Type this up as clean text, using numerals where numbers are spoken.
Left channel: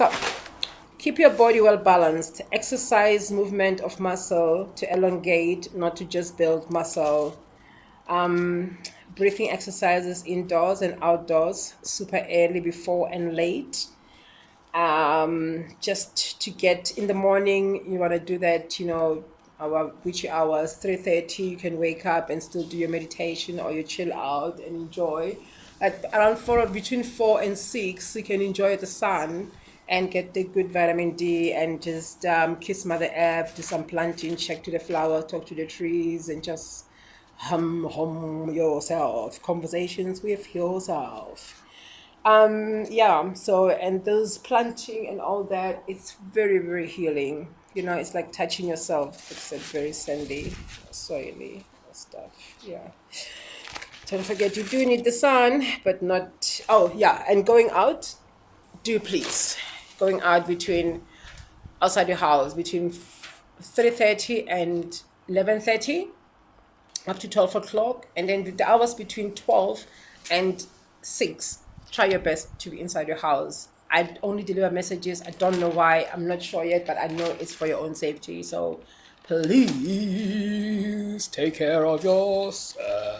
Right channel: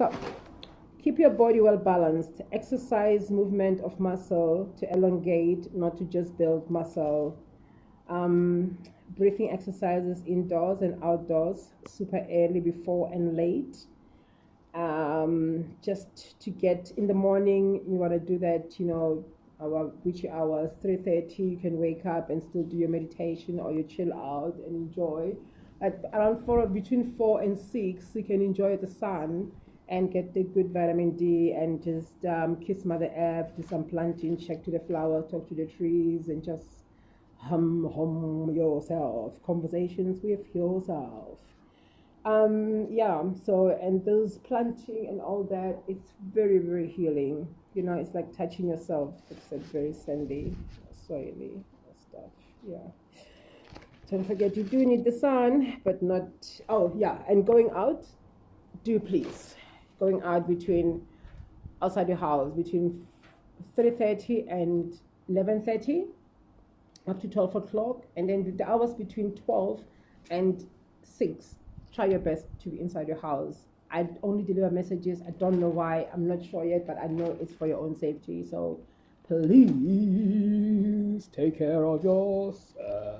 So keep your body well balanced. Exercise movement of muscle to elongate, not to just build muscle. Breathing exercises indoors and outdoors, super early, before and late. Just to get in the morning, you want to do that, which hours, 3:30, you can wake up and still do your meditation or you chill out and enjoy. At around 4, between 4 and 6, you can enjoy the sun and get the good vitamin D and just kiss Mother Earth, do some planting, check to the flower, talk to the trees, and just hum yourself, conversations with yourself. Yeah, so, and those planting and all that, it's very, very healing. It's like touching yourself. It's a very sandy, soily stuff. Yeah. Don't forget, you do need the sun, but not. Oh, yeah, and going out, do please. Going out outside your house between 3:30 and 11:30, up to 12 o'clock, and then the hours between 12 and 6, try your best to be inside your house. I only deliver messages. I don't know why. I'm not sure yet, but I know it's for your own safety. So please take care of yourself.